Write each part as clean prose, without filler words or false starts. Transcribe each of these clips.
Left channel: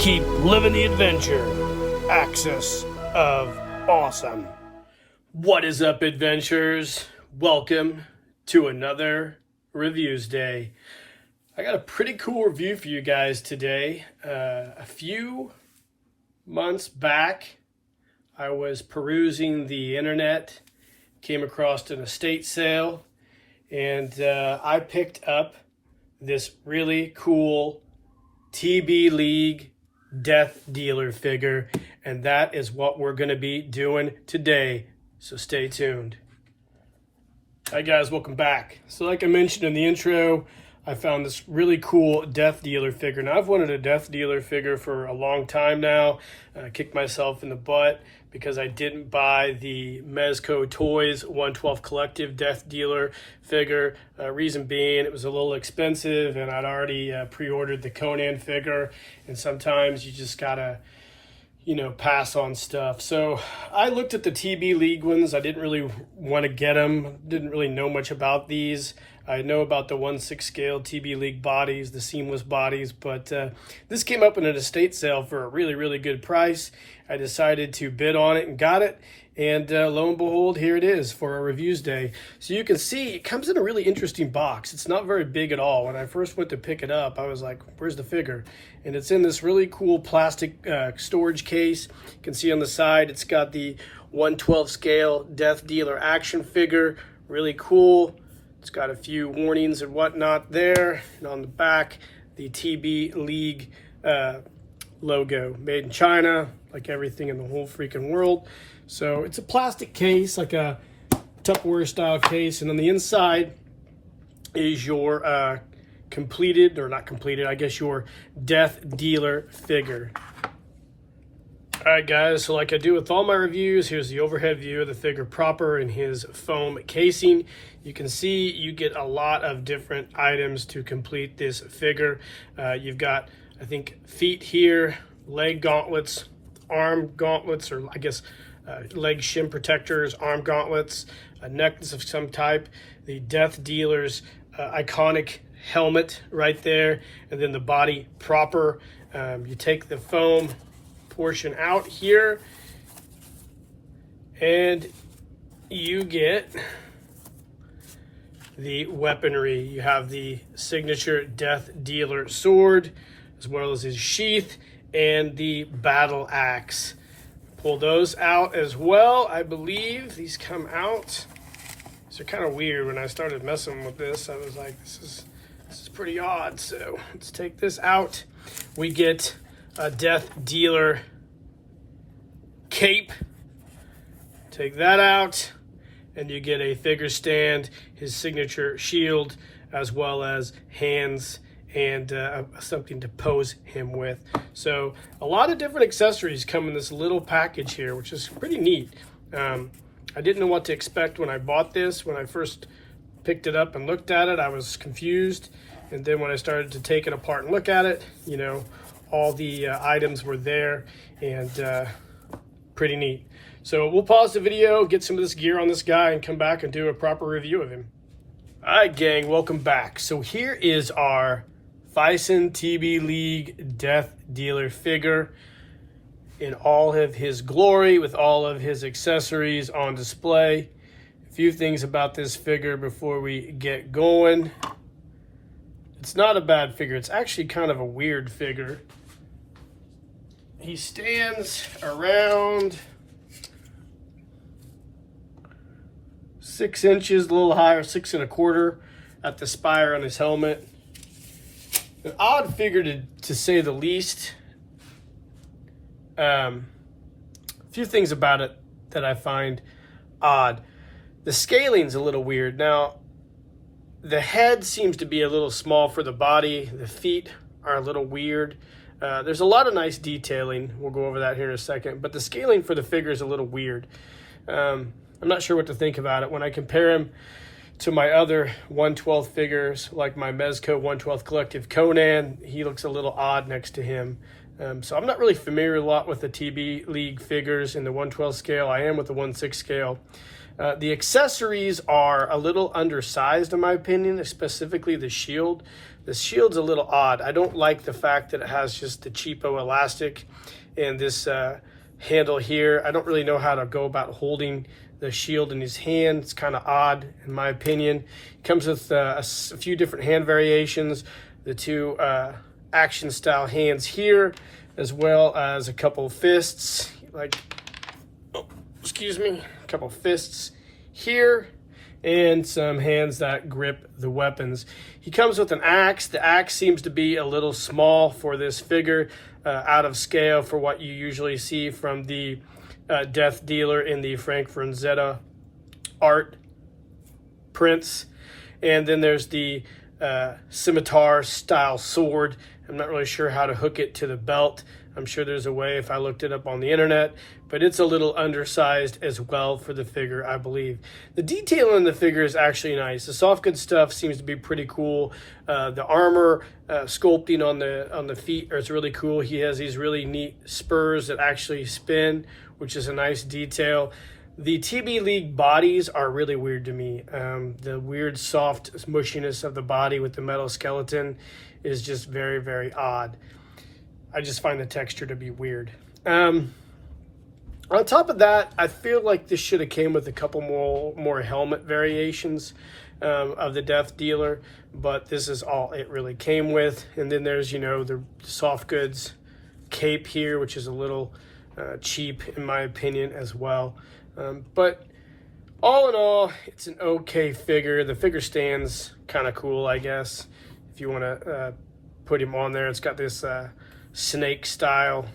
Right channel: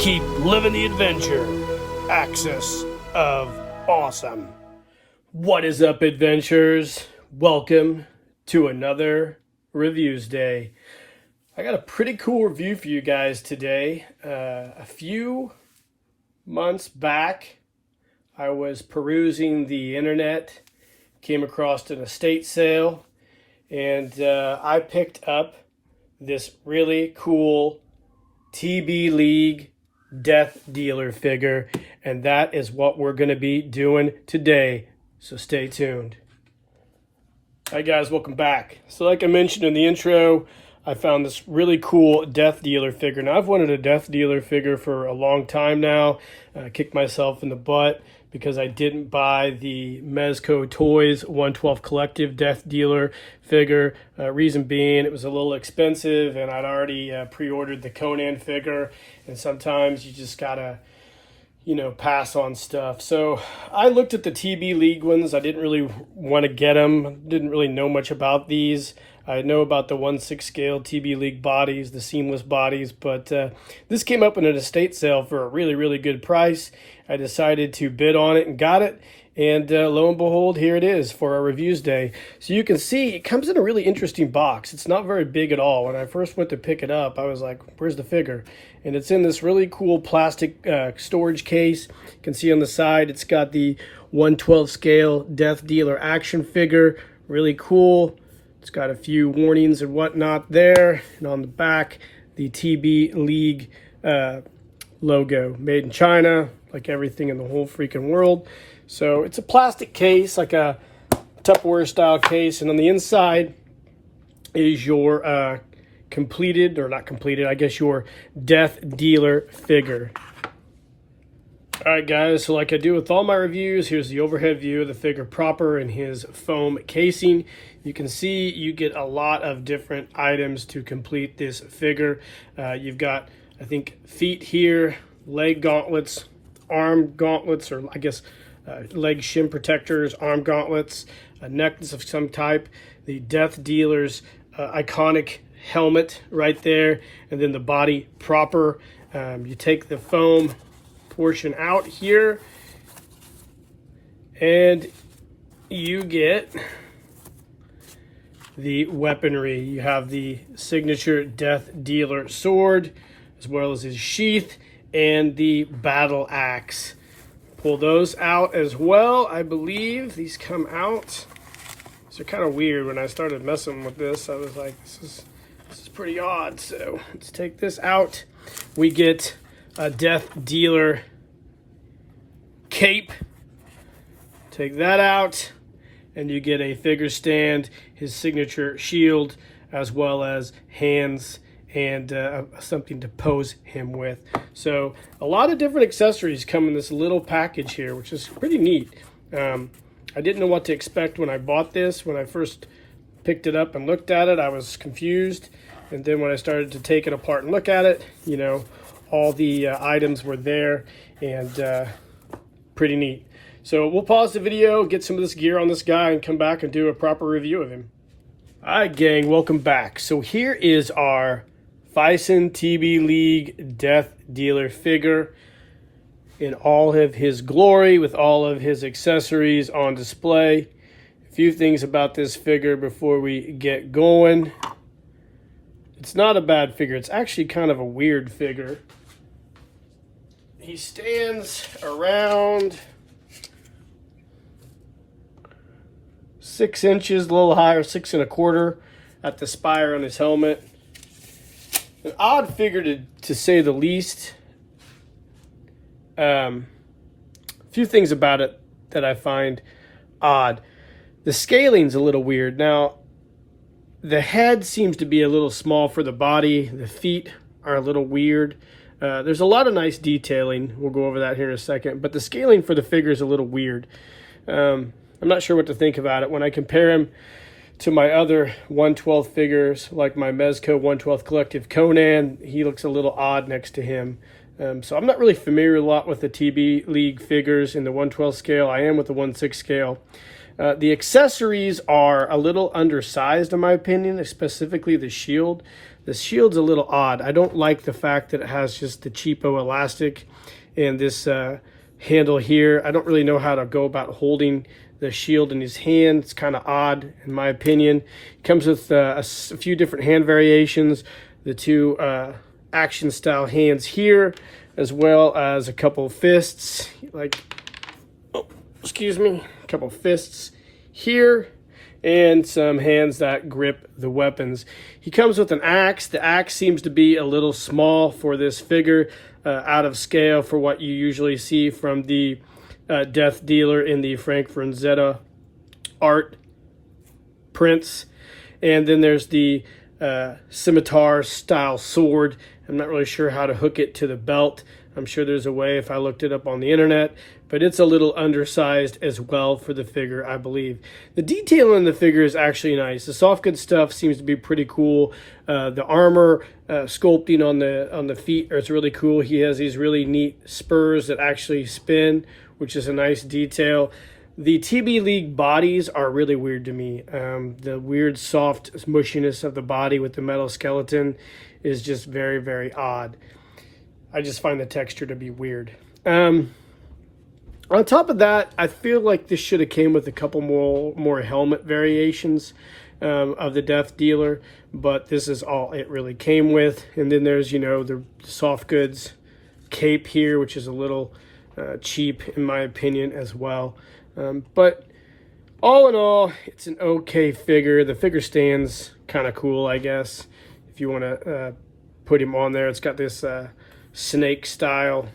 Keep living the adventure. Axis of Awesome. What is up, adventurers? Welcome to another Reviews Day. I got a pretty cool review for you guys today. A few months back, I was perusing the internet, came across an estate sale, and I picked up this really cool TB League Death Dealer figure, and that is what we're going to be doing today, so stay tuned. Hi guys, welcome back. So like I mentioned in the intro, I found this really cool Death Dealer figure. Now I've wanted a Death Dealer figure for a long time now. I kicked myself in the butt because I didn't buy the Mezco Toys 112 Collective Death Dealer figure. Reason being, it was a little expensive, and I'd already pre-ordered the Conan figure, and sometimes you just gotta, pass on stuff. So I looked at the TB League ones. I didn't really want to get them. Didn't really know much about these. I know about the 1/6 scale TB League bodies, the seamless bodies, but this came up in an estate sale for a really, really good price. I decided to bid on it and got it. And lo and behold, here it is for our Reviews Day. So you can see it comes in a really interesting box. It's not very big at all. When I first went to pick it up, I was like, where's the figure? And it's in this really cool plastic storage case. You can see on the side, it's got the 1/12 scale Death Dealer action figure. Really cool. It's got a few warnings and whatnot there. And on the back, the TB League logo. Made in China, like everything in the whole freaking world. So it's a plastic case, like a Tupperware style case. And on the inside is your completed, or not completed, I guess your Death Dealer figure. Alright guys, so like I do with all my reviews, here's the overhead view of the figure proper in his foam casing. You can see you get a lot of different items to complete this figure. You've got, I think, feet here, leg gauntlets, arm gauntlets, or I guess leg shin protectors, arm gauntlets, a necklace of some type, the Death Dealer's iconic helmet right there, and then the body proper. You take the foam portion out here, and you get the weaponry. You have the signature Death Dealer sword, as well as his sheath and the battle axe. Pull those out as well. I believe these come out. These are kind of weird. When I started messing with this, I was like, this is pretty odd. So let's take this out. We get a Death Dealer cape. Take that out, and you get a figure stand, his signature shield, as well as hands and something to pose him with. So a lot of different accessories come in this little package here, which is pretty neat. I didn't know what to expect when I bought this. When I first picked it up and looked at it, I was confused. And then when I started to take it apart and look at it, all the items were there, and pretty neat. So we'll pause the video, get some of this gear on this guy, and come back and do a proper review of him. All right, gang, welcome back. So here is our Bison TB League Death Dealer figure in all of his glory, with all of his accessories on display. A few things about this figure before we get going. It's not a bad figure. It's actually kind of a weird figure. He stands around 6 inches, a little higher, 6 1/4 at the spire on his helmet. An odd figure to say the least. A few things about it that I find odd. The scaling's a little weird. Now, the head seems to be a little small for the body. The feet are a little weird. There's a lot of nice detailing. We'll go over that here in a second. But the scaling for the figure is a little weird. I'm not sure what to think about it. When I compare him to my other 1/12 figures, like my Mezco 1/12 Collective Conan, he looks a little odd next to him. So I'm not really familiar a lot with the TB League figures in the 1/12 scale. I am with the 1/6 scale. The accessories are a little undersized in my opinion, specifically the shield. The shield's a little odd. I don't like the fact that it has just the cheapo elastic and this handle here. I don't really know how to go about holding the shield in his hand. It's kind of odd in my opinion. It comes with a few different hand variations, the two action style hands here, as well as a couple of fists, like, oh, excuse me, a couple of fists here, and some hands that grip the weapons. He comes with an axe. The axe seems to be a little small for this figure, out of scale for what you usually see from the Death Dealer in the Frank Frazetta art prints. And then there's the scimitar style sword. I'm not really sure how to hook it to the belt. I'm sure there's a way if I looked it up on the internet, but it's a little undersized as well for the figure, I believe. The detail in the figure is actually nice. The soft goods stuff seems to be pretty cool. The armor sculpting on the feet is really cool. He has these really neat spurs that actually spin, which is a nice detail. The TB League bodies are really weird to me. The weird soft mushiness of the body with the metal skeleton is just very, very odd. I just find the texture to be weird. On top of that, I feel like this should have came with a couple more helmet variations of the Death Dealer, but this is all it really came with. And then there's, the soft goods cape here, which is a little cheap in my opinion as well. But all in all, it's an okay figure. The figure stands kind of cool, I guess, if you want to put him on there. It's got this snake style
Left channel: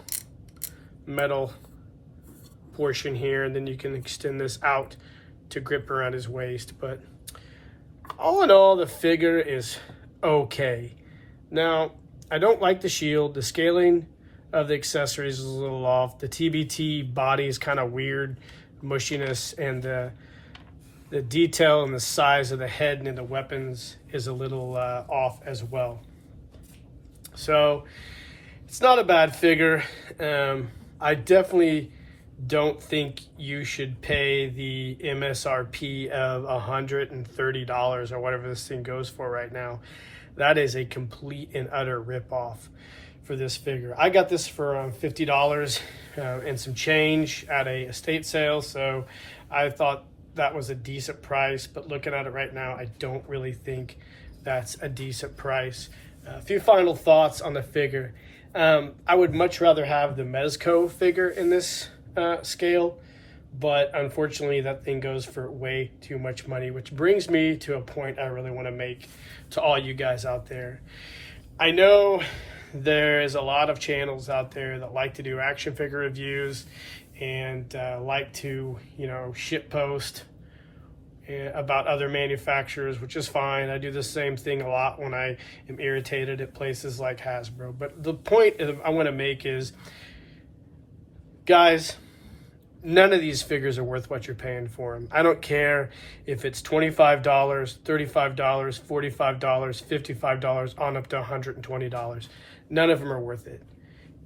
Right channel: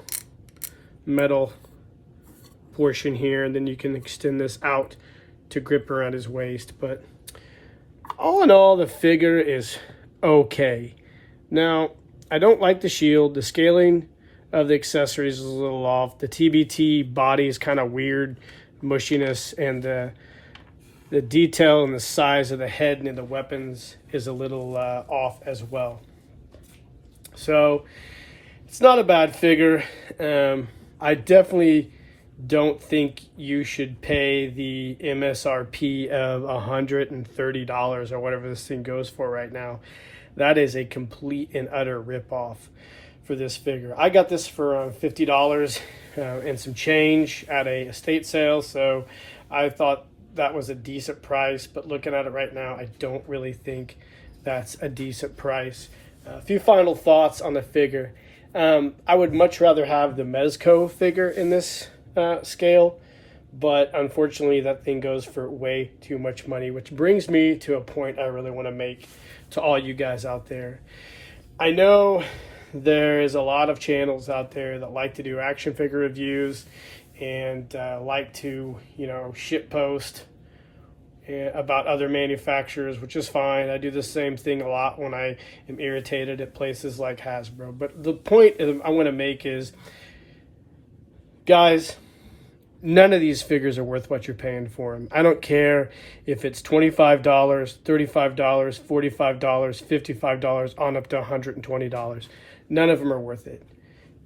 metal portion here, and then you can extend this out to grip around his waist. But all in all, the figure is okay. Now, I don't like the shield. The scaling of the accessories is a little off. The TBT body is kind of weird, mushiness, and the detail and the size of the head and the weapons is a little off as well. So it's not a bad figure. I definitely don't think you should pay the MSRP of $130 or whatever this thing goes for right now. That is a complete and utter ripoff for this figure. I got this for $50 and some change at a estate sale, so I thought that was a decent price, but looking at it right now, I don't really think that's a decent price. A few final thoughts on the figure. I would much rather have the Mezco figure in this scale, but unfortunately that thing goes for way too much money, which brings me to a point I really want to make to all you guys out there. I know there's a lot of channels out there that like to do action figure reviews and like to, shit post about other manufacturers, which is fine. I do the same thing a lot when I am irritated at places like Hasbro. But the point I want to make is, guys, none of these figures are worth what you're paying for them. I don't care if it's $25, $35, $45, $55, on up to $120. None of them are worth it.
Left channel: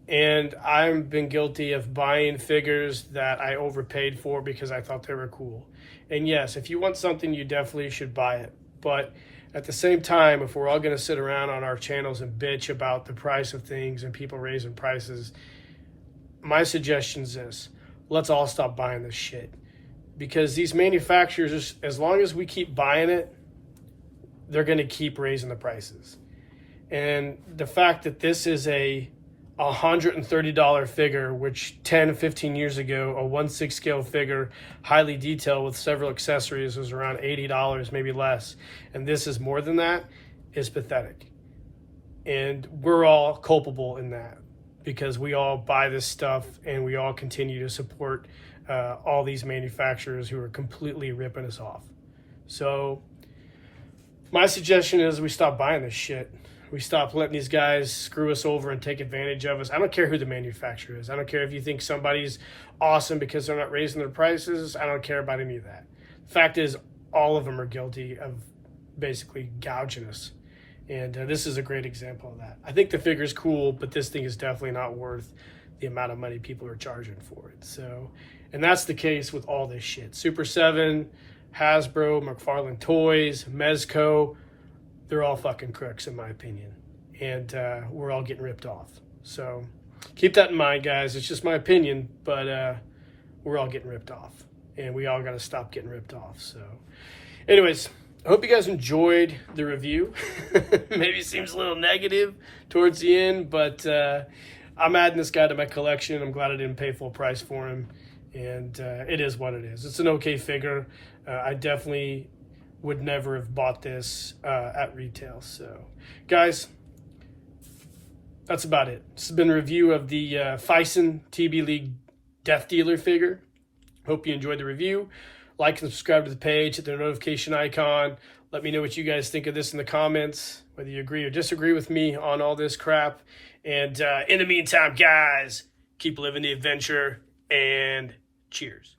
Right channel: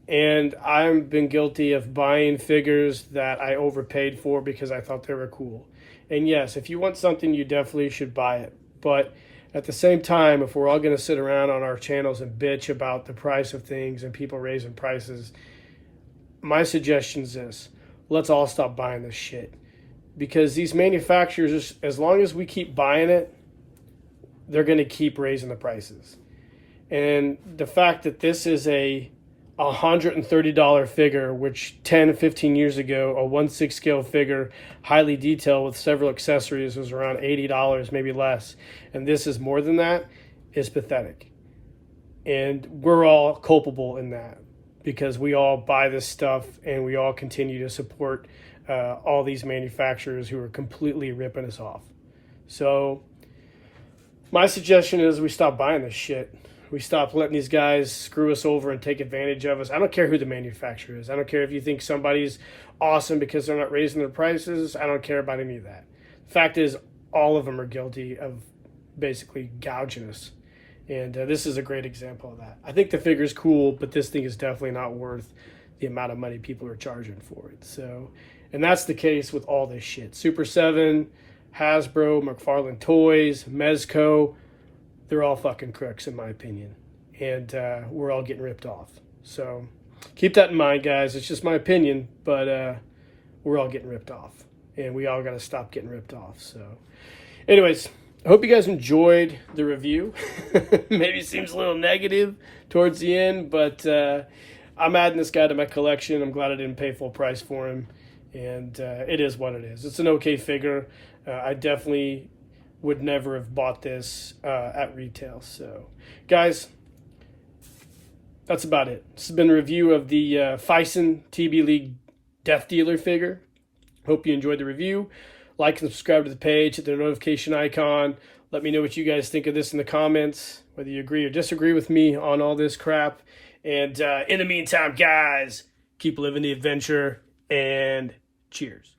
And I've been guilty of buying figures that I overpaid for because I thought they were cool. And yes, if you want something, you definitely should buy it. But at the same time, if we're all going to sit around on our channels and bitch about the price of things and people raising prices, my suggestion is this: let's all stop buying this shit. Because these manufacturers, as long as we keep buying it, they're going to keep raising the prices. And the fact that this is a $130 figure, which 10, 15 years ago, a 1/6 scale figure, highly detailed with several accessories, was around $80, maybe less. And this is more than that, is pathetic. And we're all culpable in that because we all buy this stuff and we all continue to support all these manufacturers who are completely ripping us off. So my suggestion is we stop buying this shit. We stop letting these guys screw us over and take advantage of us. I don't care who the manufacturer is. I don't care if you think somebody's awesome because they're not raising their prices. I don't care about any of that. The fact is, all of them are guilty of basically gouging us. And this is a great example of that. I think the figure's cool, but this thing is definitely not worth the amount of money people are charging for it. So, and that's the case with all this shit. Super 7, Hasbro, McFarlane Toys, Mezco. they're all fucking crooks in my opinion, and we're all getting ripped off. So keep that in mind, guys. It's just my opinion, but we're all getting ripped off, and we all got to stop getting ripped off. So anyways, I hope you guys enjoyed the review. Maybe it seems a little negative towards the end, but I'm adding this guy to my collection. I'm glad I didn't pay full price for him, and it is what it is. It's an okay figure. I definitely would never have bought this at retail. So, guys, that's about it. This has been a review of the Fison TB League Death Dealer figure. Hope you enjoyed the review. Like and subscribe to the page, hit the notification icon. Let me know what you guys think of this in the comments, whether you agree or disagree with me on all this crap. And in the meantime, guys, keep living the adventure, and cheers.